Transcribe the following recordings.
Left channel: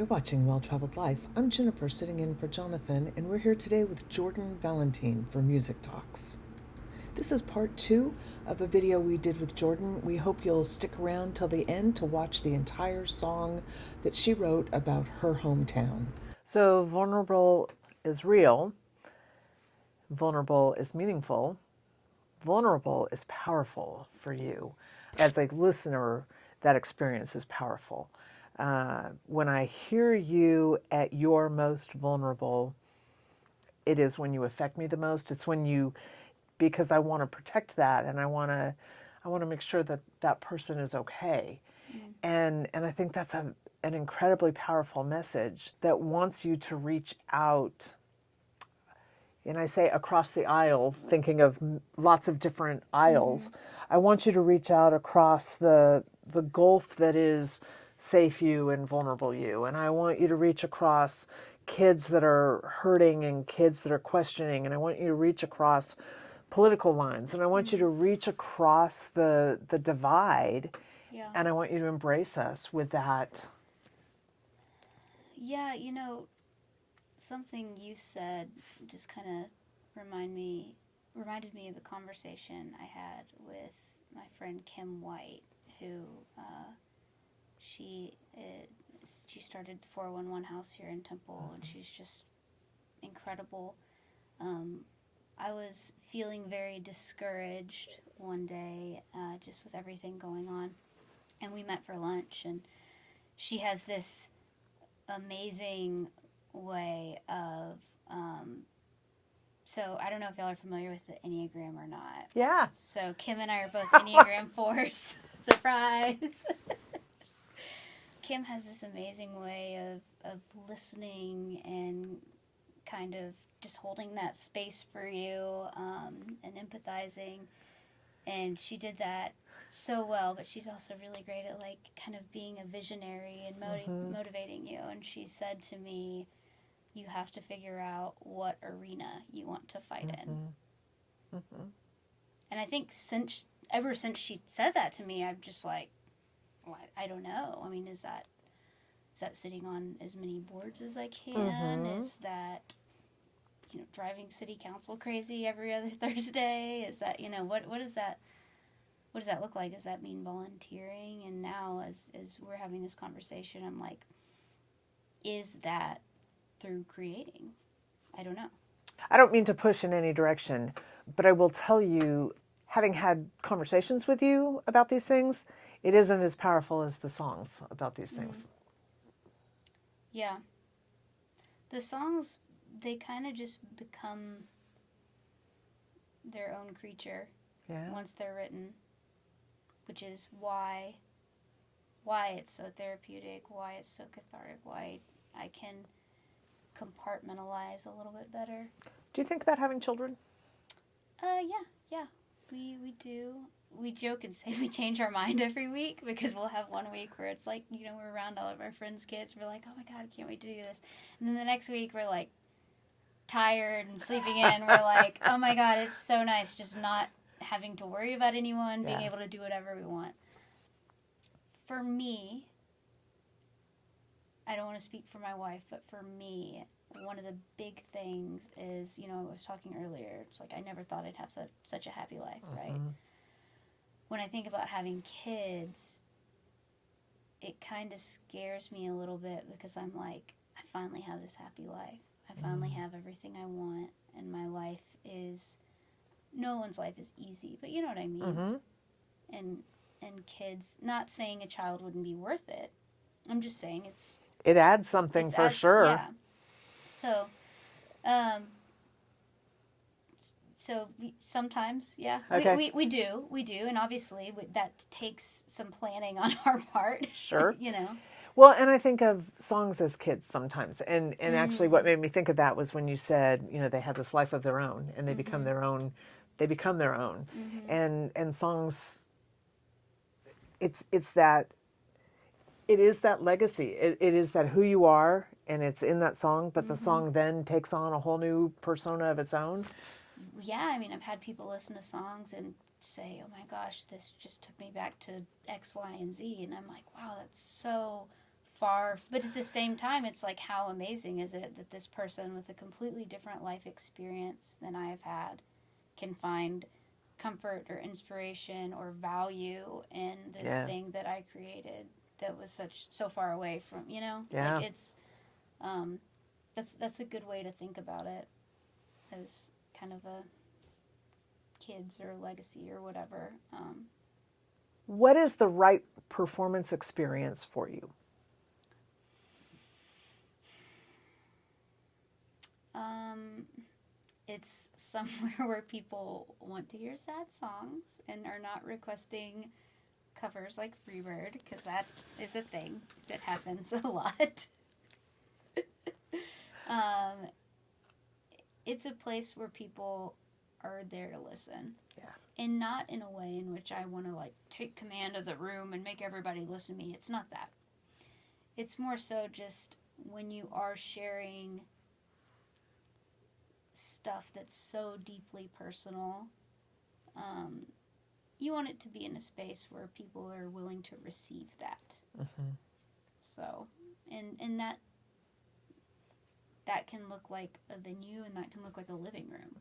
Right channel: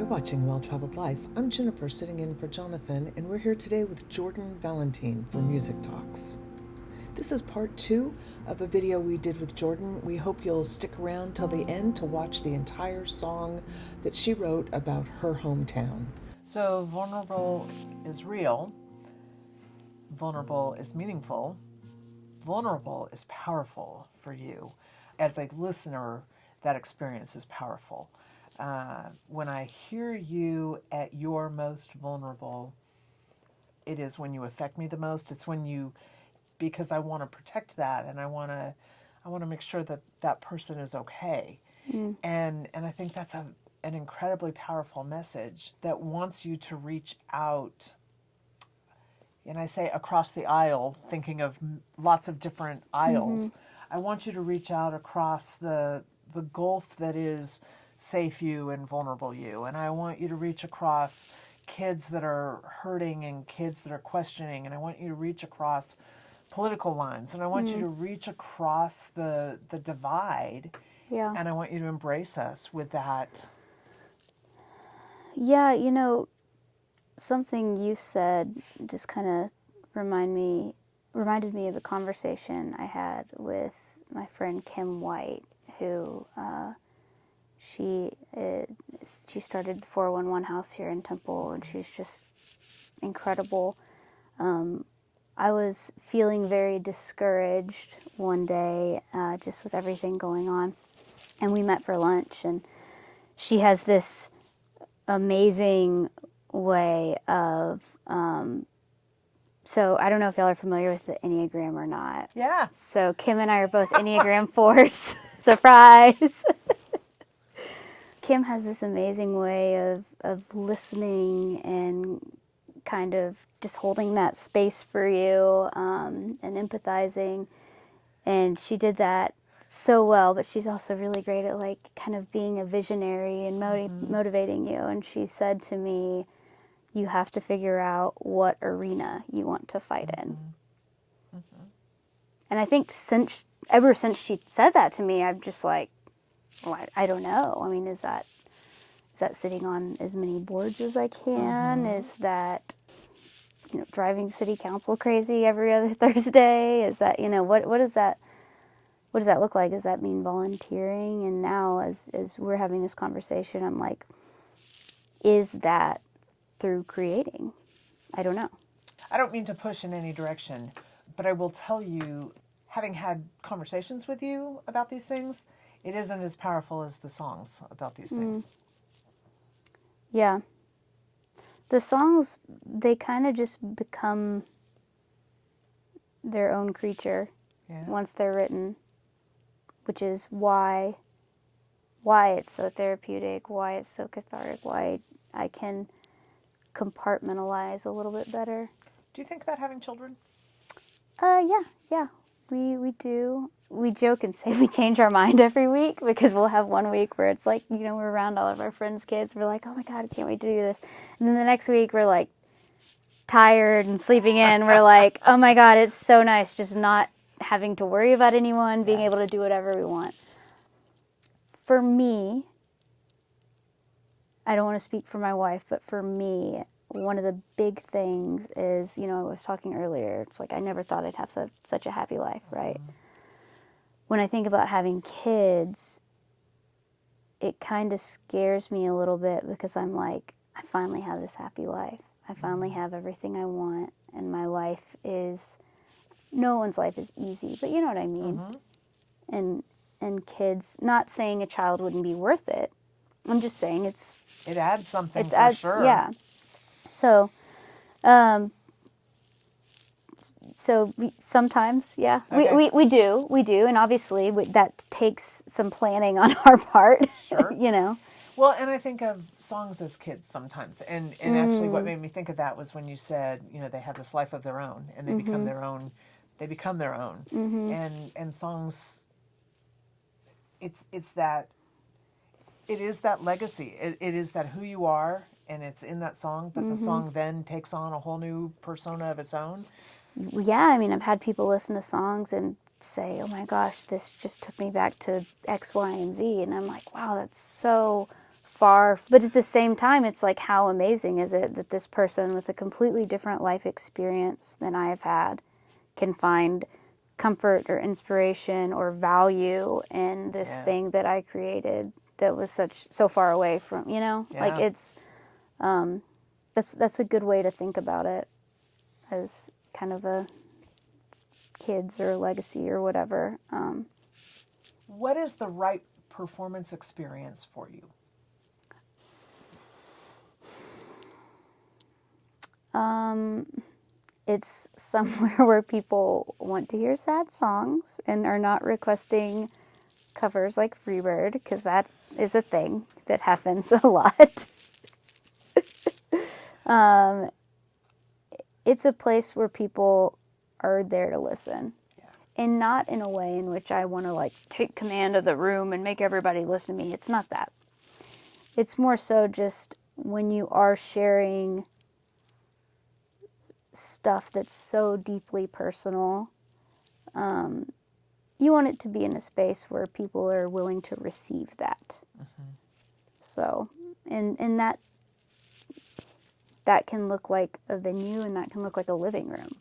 You're watching Well-Traveled Life. I'm Jennifer, sitting in for Jonathan, and we're here today with Jordan Valentin for Music Talks. This is part 2 of a video we did with Jordan. We hope you'll stick around till the end to watch the entire song that she wrote about her hometown. So vulnerable is real. Vulnerable is meaningful. Vulnerable is powerful for you. As a listener, that experience is powerful. When I hear you at your most vulnerable, it is when you affect me the most. It's when you, because I want to protect that, and I want to make sure that that person is okay. And I think that's an incredibly powerful message that wants you to reach out. And I say across the aisle, thinking of lots of different aisles. I want you to reach out across the gulf that is safe you and vulnerable you. And I want you to reach across kids that are hurting and kids that are questioning. And I want you to reach across political lines. And I want you to reach across the divide. Yeah. And I want you to embrace us with that. Yeah, you know, something you said just kind of reminded me of a conversation I had with my friend Kim White, who she started the 411 house here in Temple, and she's just incredible. I was feeling very discouraged one day, just with everything going on, and we met for lunch, and she has this amazing way of, so I don't know if y'all are familiar with the Enneagram or not. Yeah. So Kim and I are both Enneagram 4s. Surprise! Kim has this amazing way of listening and kind of just holding that space for you, and empathizing. And she did that so well, but she's also really great at like kind of being a visionary and motivating you. And she said to me, you have to figure out what arena you want to fight in. And I think ever since she said that to me, I'm just like, well, I don't know. I mean, is that sitting on as many boards as I can? Is that, driving city council crazy every other Thursday? Is that, what does that look like? Does that mean volunteering? And now as we're having this conversation, I'm like, is that through creating? I don't know. I don't mean to push in any direction, but I will tell you, having had conversations with you about these things, it isn't as powerful as the songs about these things. Yeah. The songs, they kind of just become their own creature once they're written, which is why it's so therapeutic, why it's so cathartic, why I can compartmentalize a little bit better. Do you think about having children? Yeah, we do. We joke and say we change our mind every week, because we'll have one week where it's like, we're around all of our friends' kids. We're like, oh my God, I can't wait to do this. And then the next week we're like tired and sleeping in. We're like, oh my God, it's so nice just not having to worry about anyone, being able to do whatever we want. For me, I don't want to speak for my wife, but for me, one of the big things is, I was talking earlier, it's like I never thought I'd have such a happy life, right? When I think about having kids, it kind of scares me a little bit, because I'm like, I finally have this happy life. I finally have everything I want, and my life is, no one's life is easy, but you know what I mean? And kids, not saying a child wouldn't be worth it. I'm just saying it adds something for sure. Yeah. So sometimes, yeah, Okay. we do, and obviously that takes some planning on our part. Sure. Well, and I think of songs as kids sometimes, and actually what made me think of that was when you said, they have this life of their own, and they become their own. They become their own, and songs. It's that. It is that legacy. It is that who you are, and it's in that song. But the song then takes on a whole new persona of its own. Yeah, I mean, I've had people listen to songs and say, oh my gosh, this just took me back to X, Y, and Z. And I'm like, wow, that's so far, but at the same time, it's like, how amazing is it that this person with a completely different life experience than I have had can find comfort or inspiration or value in this thing that I created that was so far away from, like it's, that's a good way to think about it, as kind of a kids or a legacy or whatever. What is the right performance experience for you? It's somewhere where people want to hear sad songs and are not requesting covers like Freebird, because that is a thing that happens a lot. It's a place where people are there to listen. And not in a way in which I want to like take command of the room and make everybody listen to me. It's not that. It's more so just when you are sharing stuff that's so deeply personal, you want it to be in a space where people are willing to receive that. So, and that can look like a venue, and that can look like a living room.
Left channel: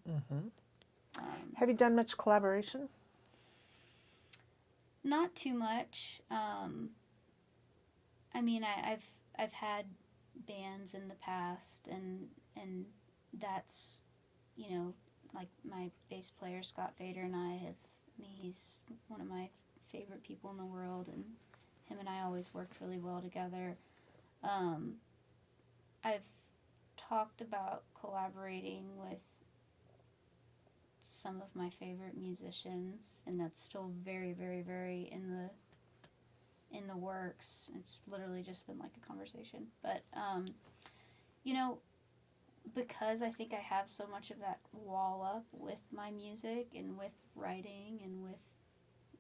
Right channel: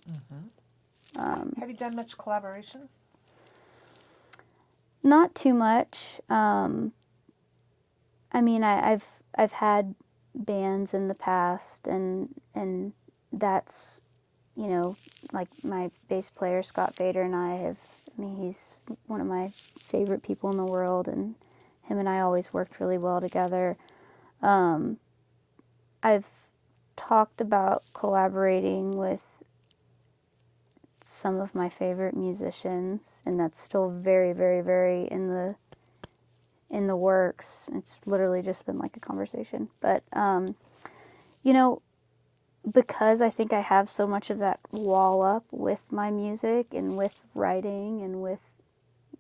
Have you done much collaboration? Not too much. I mean, I've had bands in the past, and that's, like my bass player Scott Vedder and I mean, he's one of my favorite people in the world, and him and I always worked really well together. I've talked about collaborating with some of my favorite musicians, and that's still very, very, very in the works. It's literally just been like a conversation. But, because I think I have so much of that wall up with my music and with writing and with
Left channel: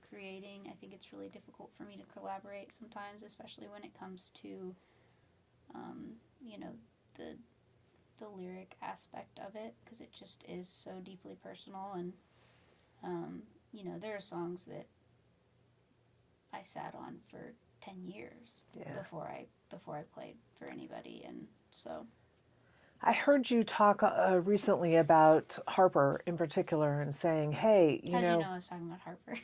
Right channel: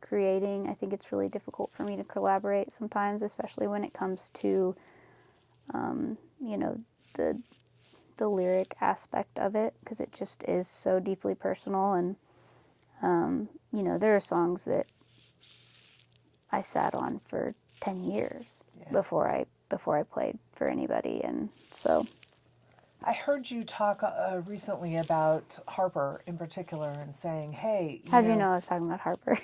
creating, I think it's really difficult for me to collaborate sometimes, especially when it comes to, the lyric aspect of it, because it just is so deeply personal. And there are songs that I sat on for 10 years before I played for anybody. And so I heard you talk recently about Harper in particular, and saying, hey, how did you know I was talking about Harper?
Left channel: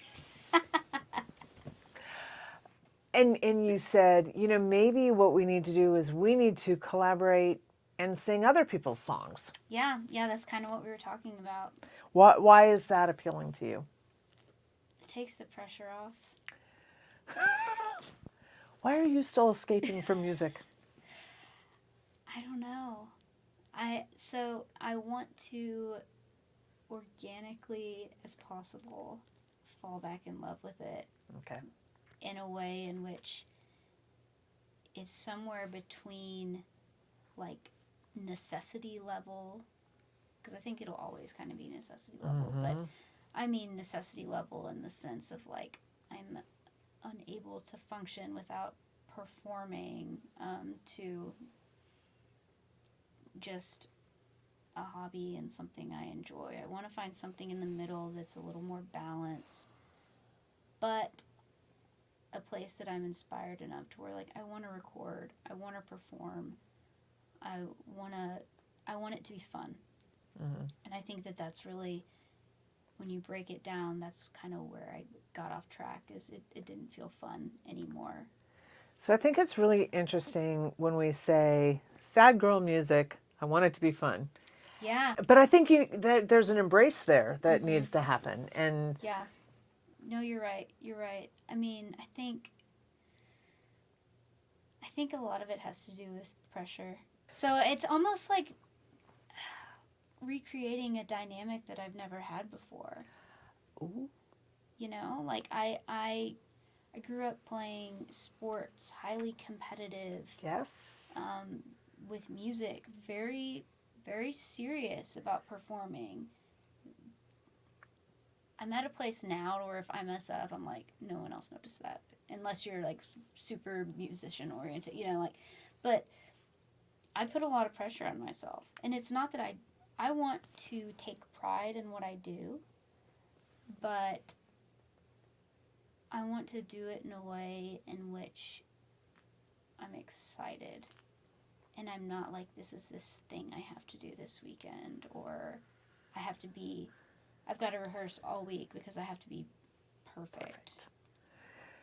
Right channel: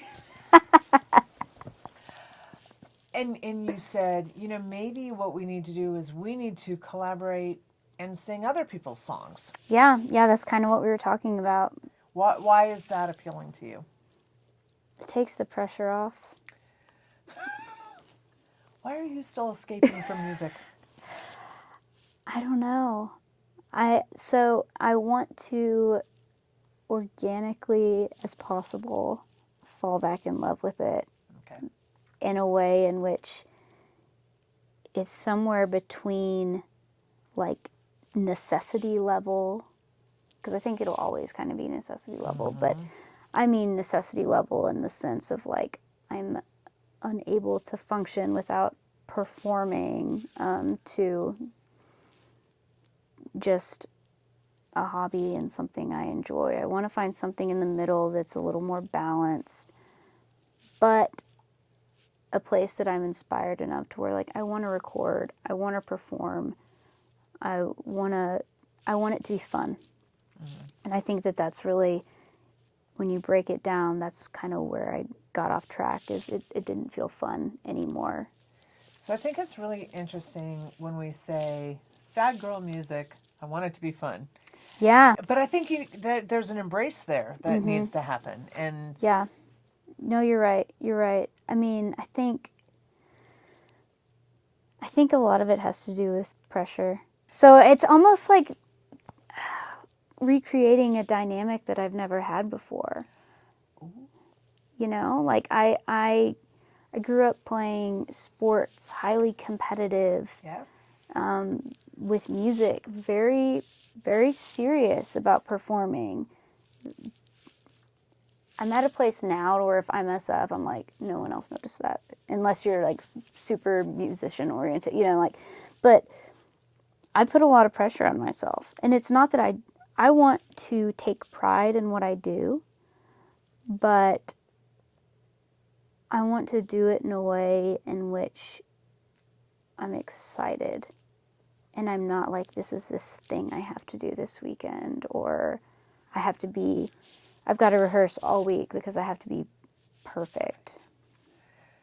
and you said, maybe what we need to do is we need to collaborate and sing other people's songs. Yeah, that's kind of what we were talking about. Why is that appealing to you? It takes the pressure off. Why are you still escaping from music? I don't know. So I want to organically as possible fall back in love with it. Okay. In a way in which it's somewhere between like necessity level, because I think it'll always kind of be necessity level, but I mean necessity level in the sense of like I'm unable to function without performing, to just a hobby and something I enjoy. I want to find something in the middle that's a little more balanced, but a place that I'm inspired enough to where like I want to record, I want to perform, I want it to be fun. And I think that that's really, when you break it down, that's kind of where I got off track, is it didn't feel fun anymore. So I think it's really interesting when we say sad girl music, I want it to be fun. Yeah. But I think there's an embrace there that needs to happen. And yeah. No, you're right. You're right. I mean, I think a lot of it has to do with pressure. So it's almost like recreating a dynamic that I've never had before. Ooh. Like I grew up playing sports, highly competitive. Yes. With music, very, very serious about performing. I'm at a place now where if I mess up, I'm like, no one else noticed that, unless you're like super musician oriented, but I put a lot of pressure on myself. And it's not that I want to take pride in what I do, but I want to do it in a way in which I'm excited. And I'm not like, this is this thing I have to do this weekend, or I've got to rehearse all week because I have to be perfect.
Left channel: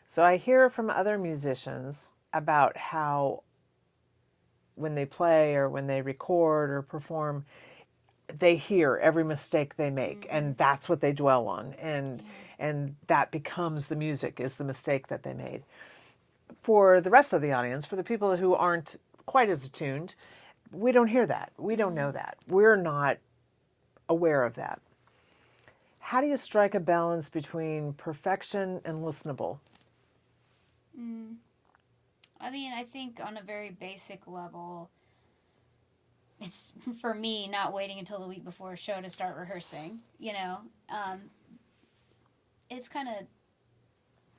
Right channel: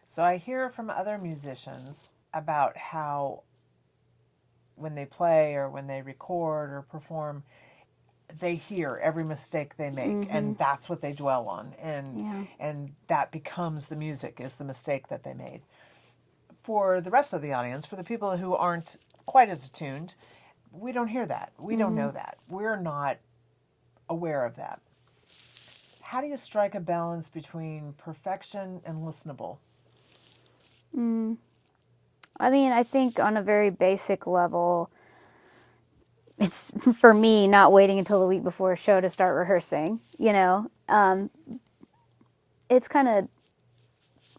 So I hear from other musicians about how when they play or when they record or perform, they hear every mistake they make, and that's what they dwell on, and that becomes the music, is the mistake that they made. For the rest of the audience, for the people who aren't quite as attuned, we don't hear that. We don't know that. We're not aware of that. How do you strike a balance between perfection and listenable? I mean, I think on a very basic level, it's, for me, not waiting until the week before a show to start rehearsing, you know. It's kind of,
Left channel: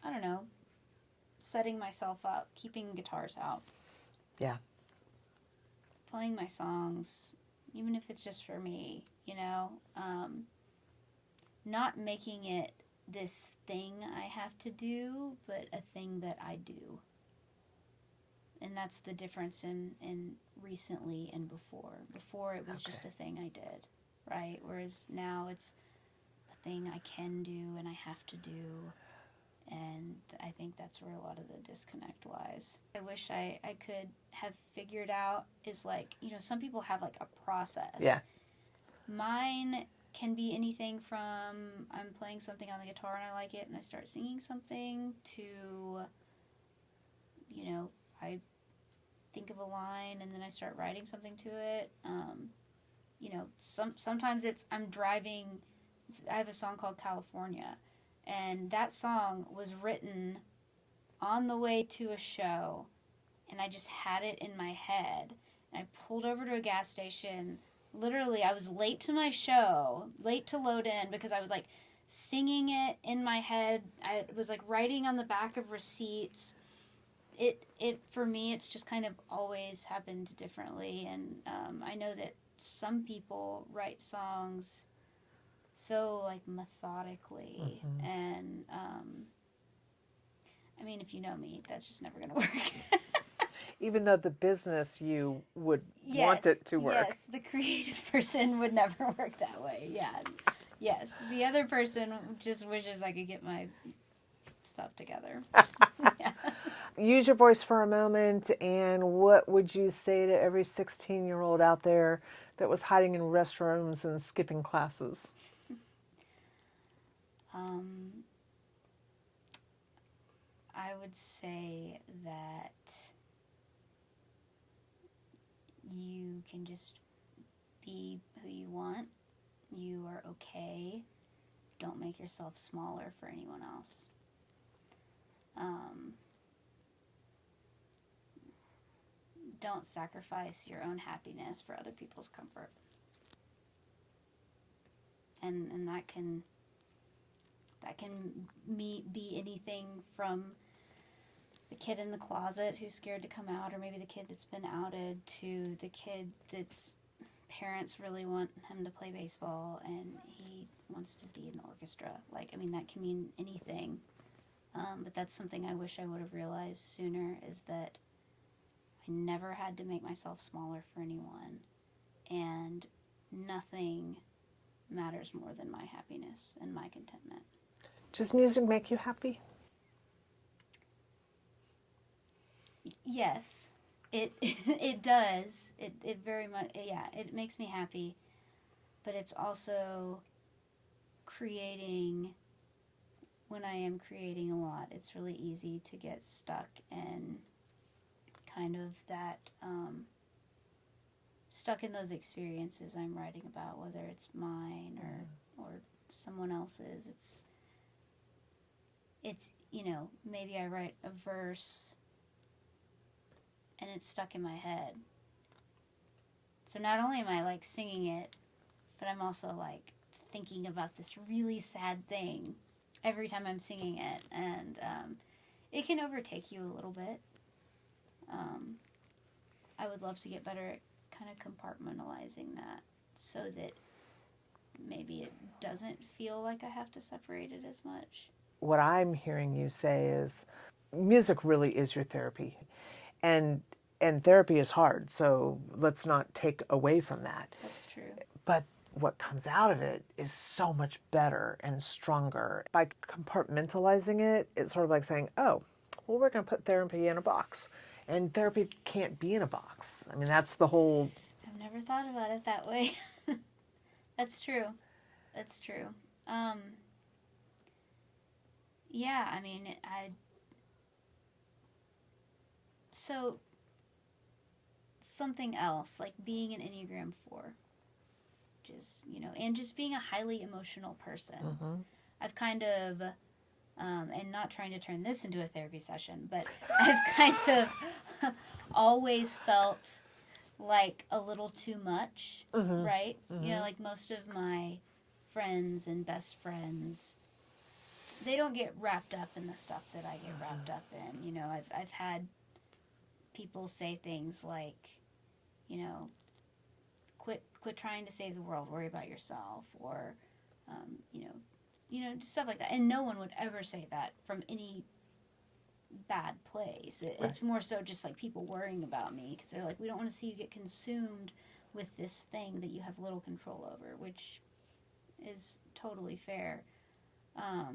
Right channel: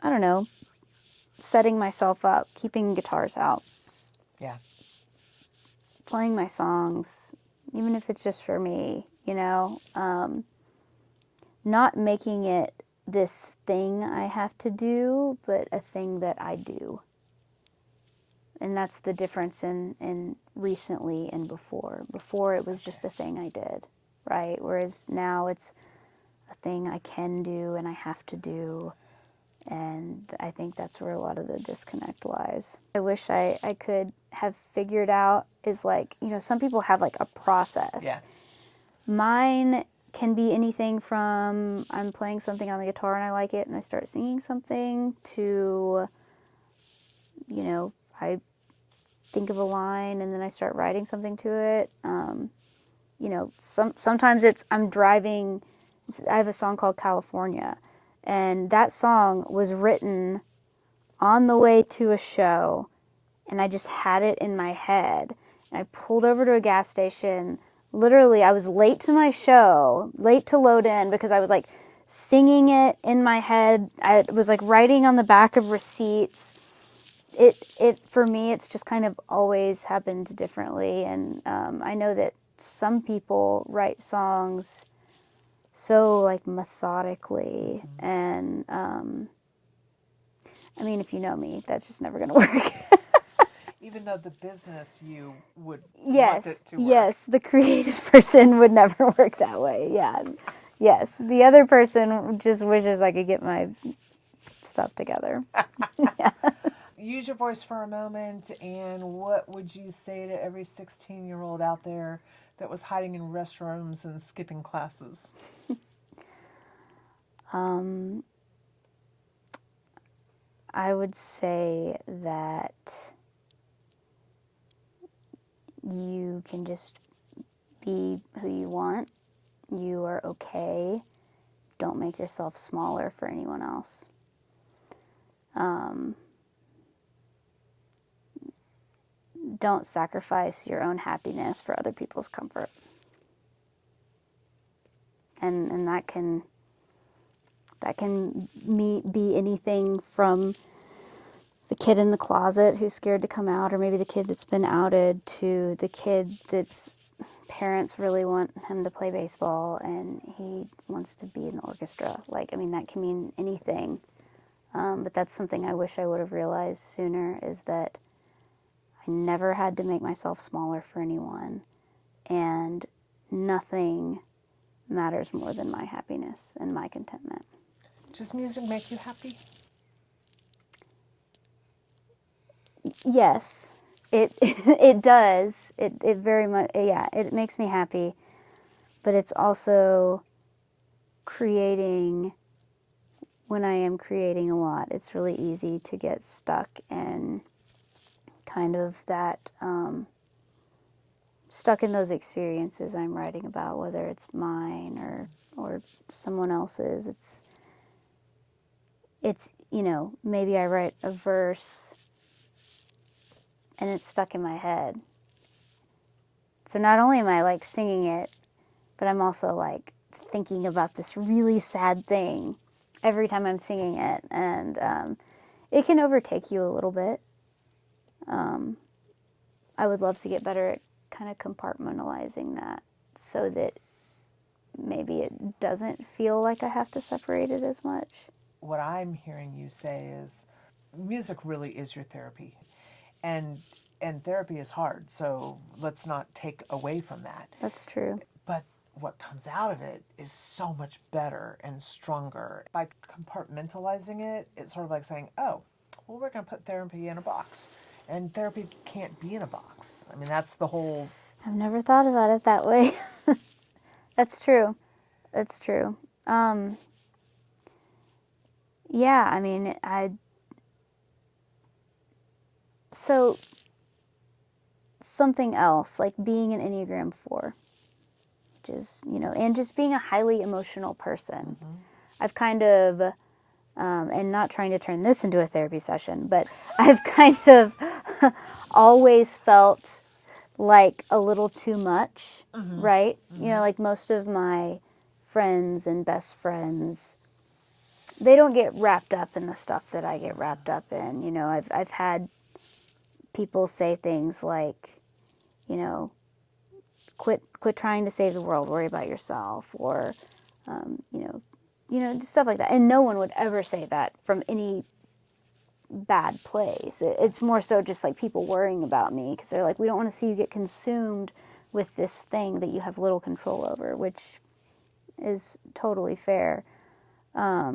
I don't know, setting myself up, keeping guitars out. Yeah. Playing my songs, even if it's just for me, you know. Not making it this thing I have to do, but a thing that I do. And that's the difference in recently and before. Before it was just a thing I did, right? Whereas now it's a thing I can do and I have to do. And I think that's where a lot of the disconnect lies. I wish I could have figured out is like, you know, some people have like a process. Yeah. Mine can be anything from I'm playing something on the guitar and I like it and I start singing something to, you know, I think of a line and then I start writing something to it. You know, sometimes it's I'm driving. I have a song called California, and that song was written on the way to a show, and I just had it in my head. And I pulled over to a gas station. Literally, I was late to my show, late to load in because I was like singing it in my head. I was like writing on the back of receipts. It for me, it's just kind of always happened differently. And I know that some people write songs so like methodically. And I mean, if you know me, that's just never going to work. Even though the business you would Yes, want it to work. yes, the creative person would never work that way. Yeah, yes, the other person just wishes I could get my stuff together. Yeah. Use your voice for a moment, and what would you say to every 16-year-old out there that was hiding in restrooms and skipping classes? I would say that you can just be who you want. You are okay. Don't make yourself smaller for anyone else. Don't sacrifice your own happiness for other people's comfort. And that can be anything from the kid in the closet who's scared to come out, or maybe the kid that's been outed, to the kid that's parents really want him to play baseball and he wants to be in the orchestra. Like, I mean, that can mean anything. But that's something I wish I would have realized sooner, is that I never had to make myself smaller for anyone, and nothing matters more than my happiness and my contentment. Does music make you happy? Yes, it does. It very much, yeah, it makes me happy, but it's also creating. When I am creating a lot, it's really easy to get stuck in kind of that, stuck in those experiences I'm writing about, whether it's mine or someone else's. It's, you know, maybe I write a verse and it's stuck in my head. So not only am I like singing it, but I'm also like thinking about this really sad thing every time I'm singing it, and it can overtake you a little bit. I would love to get better at kind of compartmentalizing that so that maybe it doesn't feel like I have to separate it as much. What I'm hearing you say is music really is your therapy. And therapy is hard, so let's not take away from that. That's true. But what comes out of it is so much better and stronger. By compartmentalizing it, it's sort of like saying, oh, well, we're going to put therapy in a box. And therapy can't be in a box. I mean, that's the whole... I've never thought about it that way. That's true. That's true. Yeah, I mean, so something else, like being an Enneagram 4, which is, and just being a highly emotional person. I've kind of, and not trying to turn this into a therapy session, but I've kind of always felt like a little too much, right? Like most of my friends and best friends, they don't get wrapped up in the stuff that I get wrapped up in. I've had people say things like, quit trying to save the world, worry about yourself, or, just stuff like that. And no one would ever say that from any bad place. It's more so just like people worrying about me because they're like, we don't want to see you get consumed with this thing that you have little control over, which is totally fair. I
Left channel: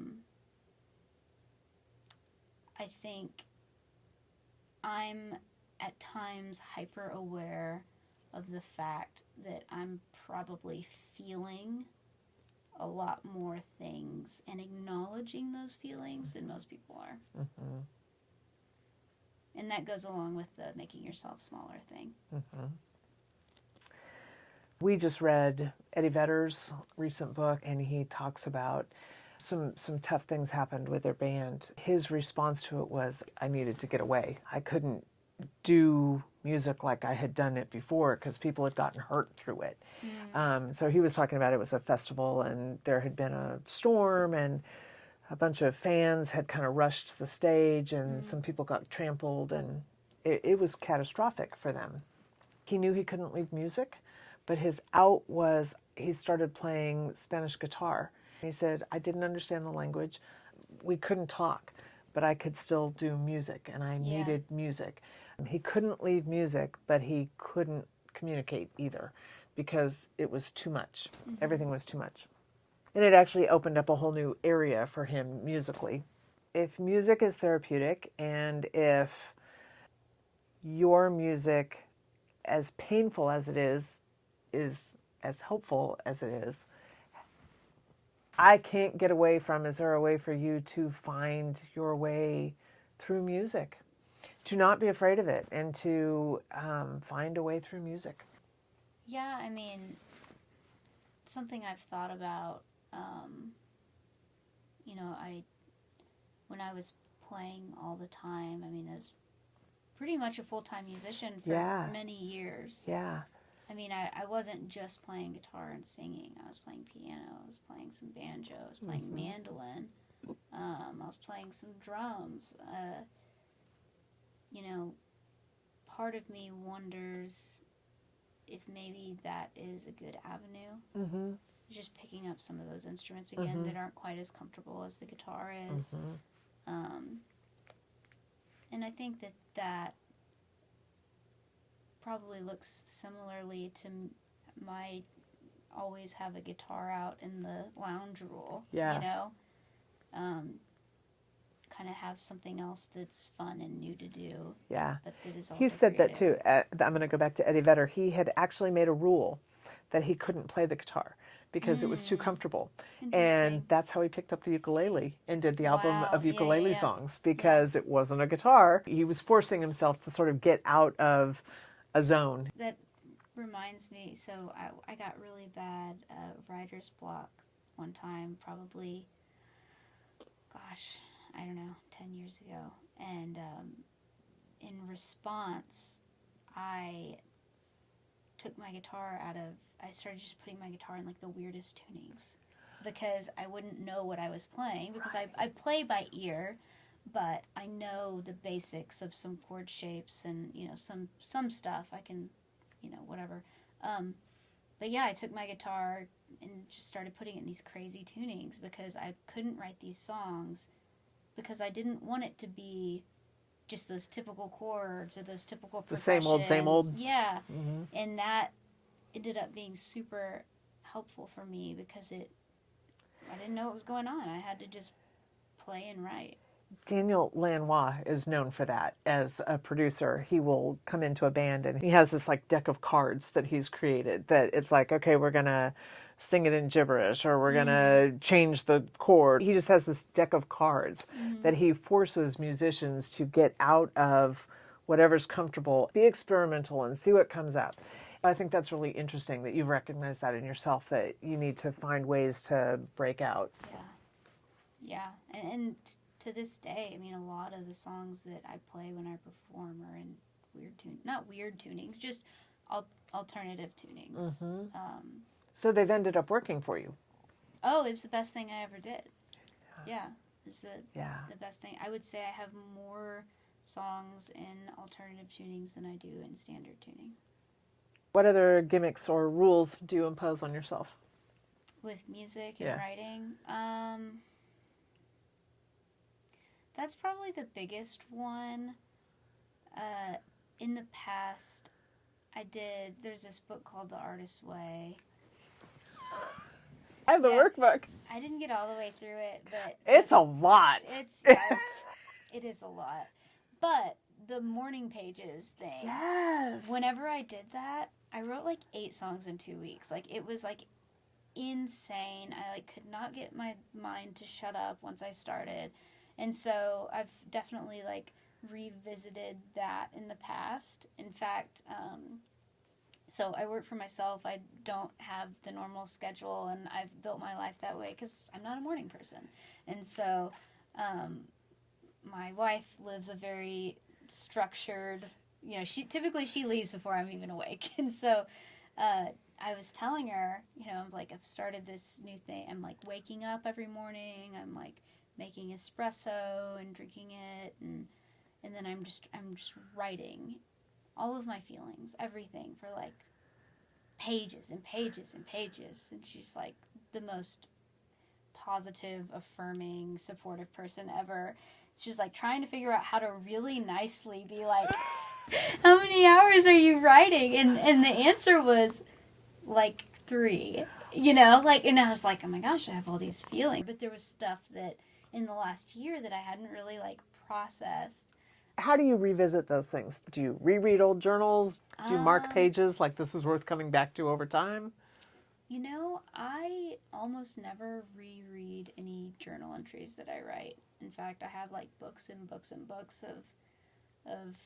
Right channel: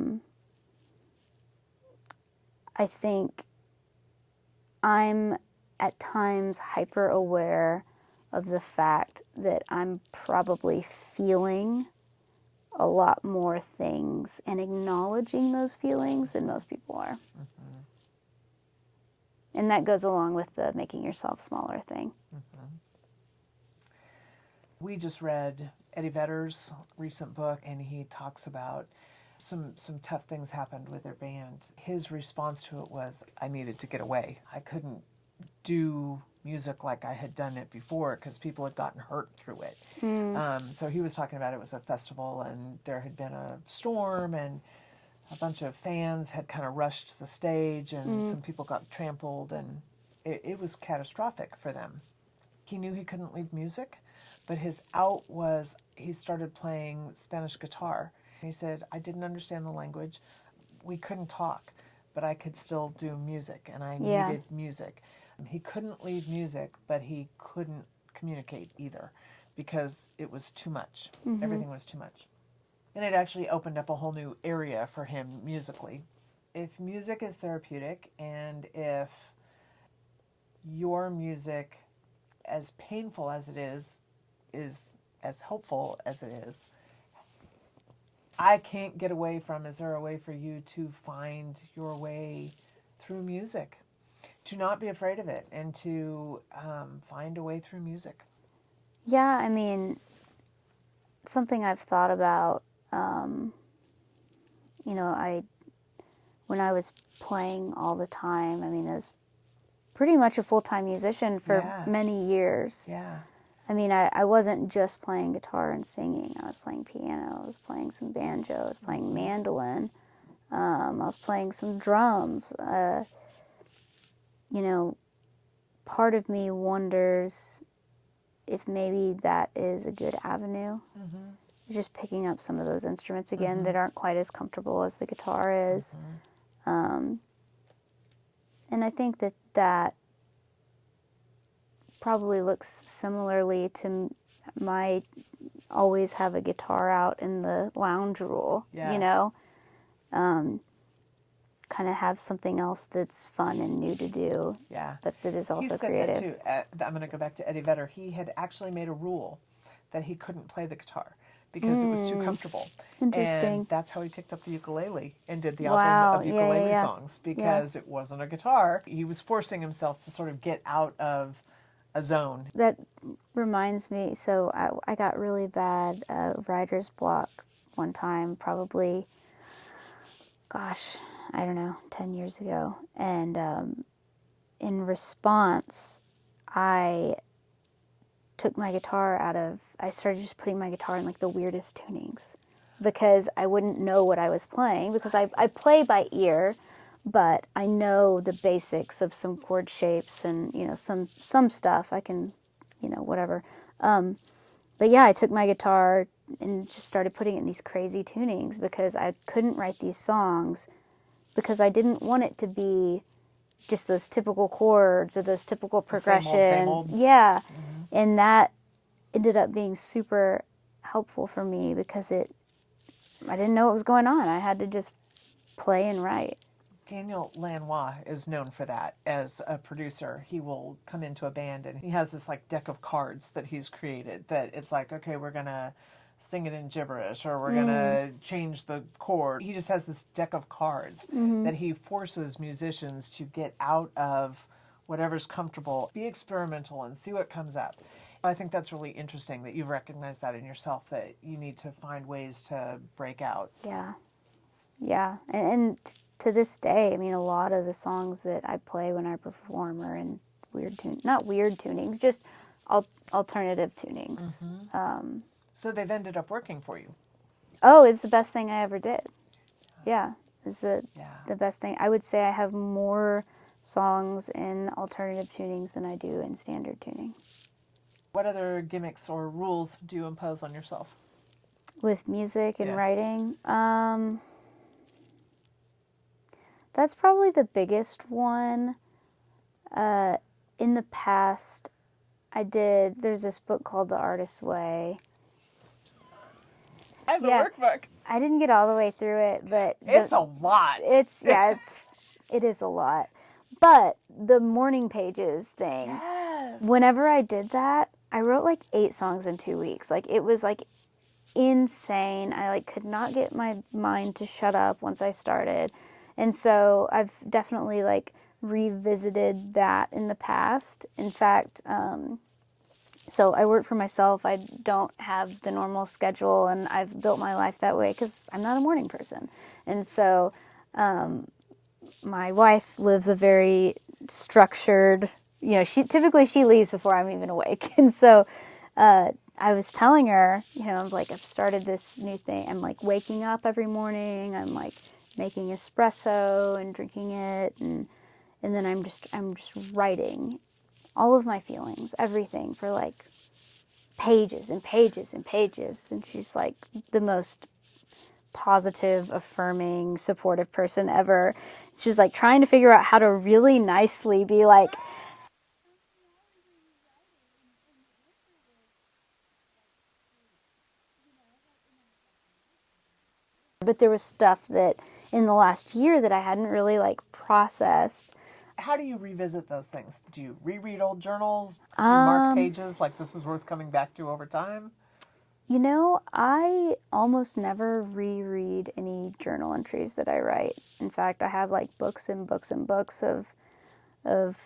think I'm at times hyper aware of the fact that I'm probably feeling a lot more things and acknowledging those feelings than most people are. And that goes along with the making yourself smaller thing. We just read Eddie Vedder's recent book, and he talks about some tough things happened with their band. His response to it was, I needed to get away. I couldn't do music like I had done it before because people had gotten hurt through it. So he was talking about it was a festival, and there had been a storm, and a bunch of fans had kind of rushed the stage, and some people got trampled, and it was catastrophic for them. He knew he couldn't leave music, but his out was he started playing Spanish guitar. He said, I didn't understand the language. We couldn't talk, but I could still do music, and I needed music. He couldn't leave music, but he couldn't communicate either because it was too much. Everything was too much. And it actually opened up a whole new area for him musically. If music is therapeutic, and if your music, as painful as it is as helpful as it is, I can't get away from, is there a way for you to find your way through music? To not be afraid of it, and to find a way through music. Yeah, I mean, something I've thought about, when I was playing all the time, I mean, I was pretty much a full-time musician for many years. Yeah. I mean, I wasn't just playing guitar and singing. I was playing piano, I was playing some banjo, I was playing mandolin, I was playing some drums. Part of me wonders if maybe that is a good avenue. Just picking up some of those instruments again that aren't quite as comfortable as the guitar is. And I think that probably looks similarly to my always have a guitar out in the lounge rule, kind of have something else that's fun and new to do, but that is also creative. He said that too. I'm going to go back to Eddie Vedder. He had actually made a rule that he couldn't play the guitar because it was too comfortable. Interesting. And that's how he picked up the ukulele and did the album of ukulele songs, because it wasn't a guitar. He was forcing himself to sort of get out of a zone. That reminds me, so I got really bad writer's block one time, probably, I don't know, 10 years ago. And in response, I took my guitar I started just putting my guitar in like the weirdest tunings because I wouldn't know what I was playing, because I play by ear, but I know the basics of some chord shapes and, some stuff I can, whatever. But yeah, I took my guitar and just started putting it in these crazy tunings because I couldn't write these songs because I didn't want it to be just those typical chords or those typical progressions. Same old. Yeah. And that ended up being super helpful for me because I didn't know what was going on. I had to just play and write. Daniel Lanois is known for that as a producer. He will come into a band and he has this like deck of cards that he's created that it's like, okay, we're going to sing it in gibberish or we're going to change the chord. He just has this deck of cards that he forces musicians to get out of whatever's comfortable, be experimental and see what comes up. I think that's really interesting that you recognize that in yourself, that you need to find ways to break out. Yeah. Yeah. And to this day, I mean, a lot of the songs that I play when I perform are in not weird tunings, just alternative tunings. So they've ended up working for you. Oh, it was the best thing I ever did. Yeah. It's the Yeah. best thing. I would say I have more songs in alternative tunings than I do in standard tuning. What other gimmicks or rules do you impose on yourself? With music and Yeah. writing, that's probably the biggest one. In the past, there's this book called The Artist's Way. I have the Yeah. workbook. I didn't get all the way through it, but It's a lot. it is a lot. But the morning pages thing, Yes. whenever I did that, I wrote like 8 songs in 2 weeks. Like it was like insane. I like could not get my mind to shut up once I started. And so I've definitely like revisited that in the past. In fact, so I work for myself. I don't have the normal schedule, and I've built my life that way because I'm not a morning person. And so my wife lives a very structured, she leaves before I'm even awake. And so I was telling her, I'm like, I've started this new thing. I'm like waking up every morning. I'm like making espresso and drinking it, and then I'm just writing all of my feelings, everything, for like pages and pages and pages. And she's like the most positive, affirming, supportive person ever. She's like trying to figure out how to really nicely be like, how many hours are you writing? And the answer was like 3, and I was like, oh my gosh, I have all these feelings. But there was stuff that in the last year that I hadn't really like processed. How do you revisit those things? Do you reread old journals? Do you mark pages like this is worth coming back to over time? I almost never reread any journal entries that I write. In fact, I have like books and books and books of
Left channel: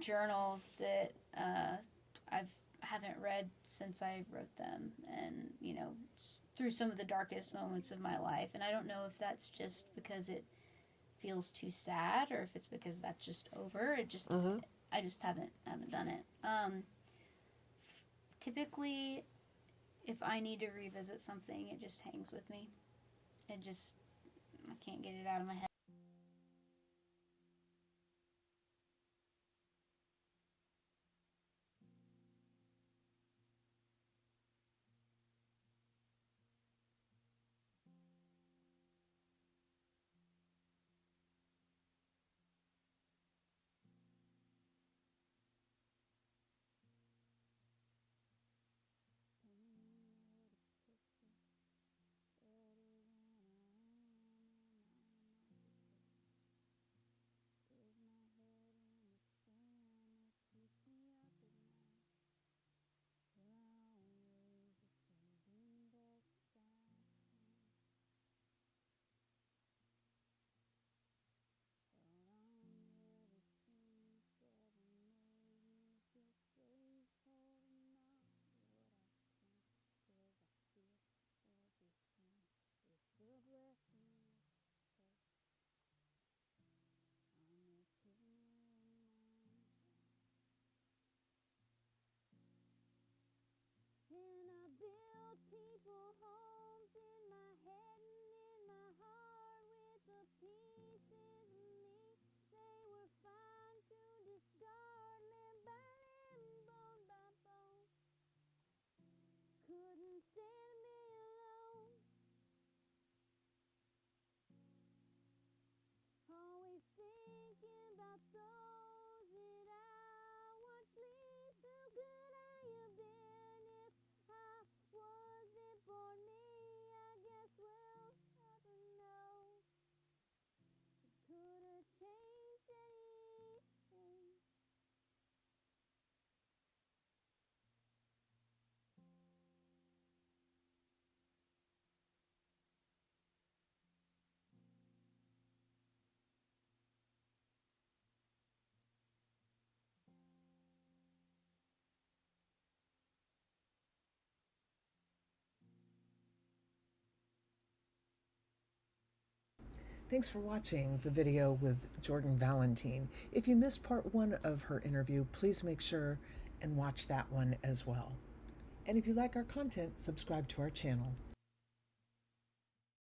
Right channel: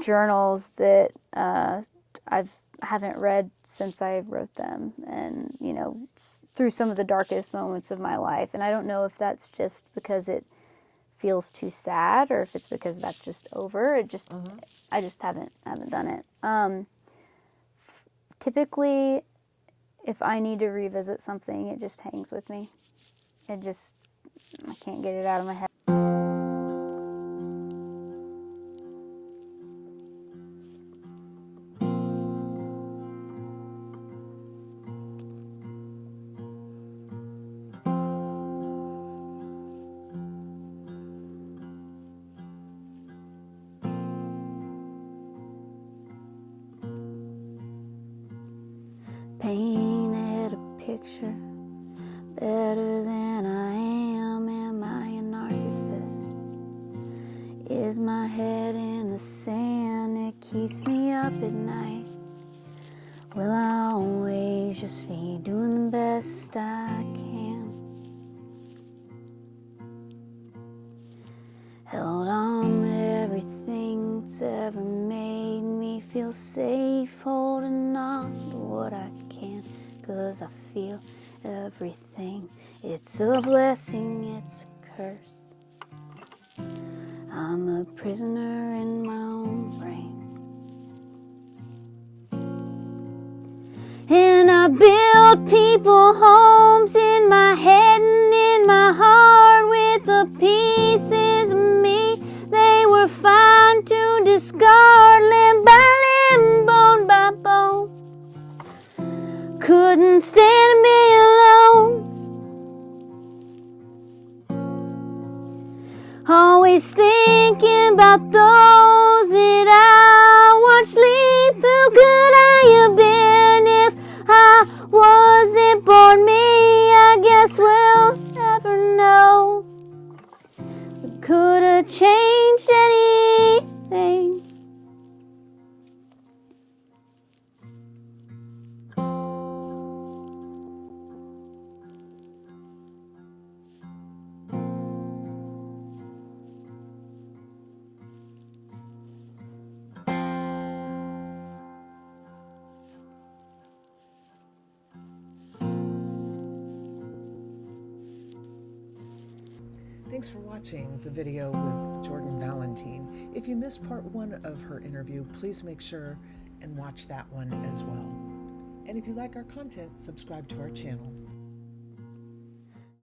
journals that I haven't read since I wrote them, and through some of the darkest moments of my life. And I don't know if that's just because it feels too sad or if it's because that's just over. I just haven't done it. Typically, if I need to revisit something, it just hangs with me. I can't get it out of my head. Painted a picture better than I am. Am I a narcissist? Is my head in the sand? It keeps me up at night. Will I always just be doing the best I can? Held on to everything that's ever made me feel safe, holding on to what I can, 'cause I feel everything. It's a blessing, it's a curse. I'm a prisoner in my own brain. And I built people homes in my head and in my heart with the pieces of me they were fine to discard, limb by limb, bone by bone. Couldn't stand to be alone. Always thinking about those Thanks for watching the video with Jordan Valentin. If you missed part 1 of her interview, please make sure and watch that one as well. And if you like our content, subscribe to our channel.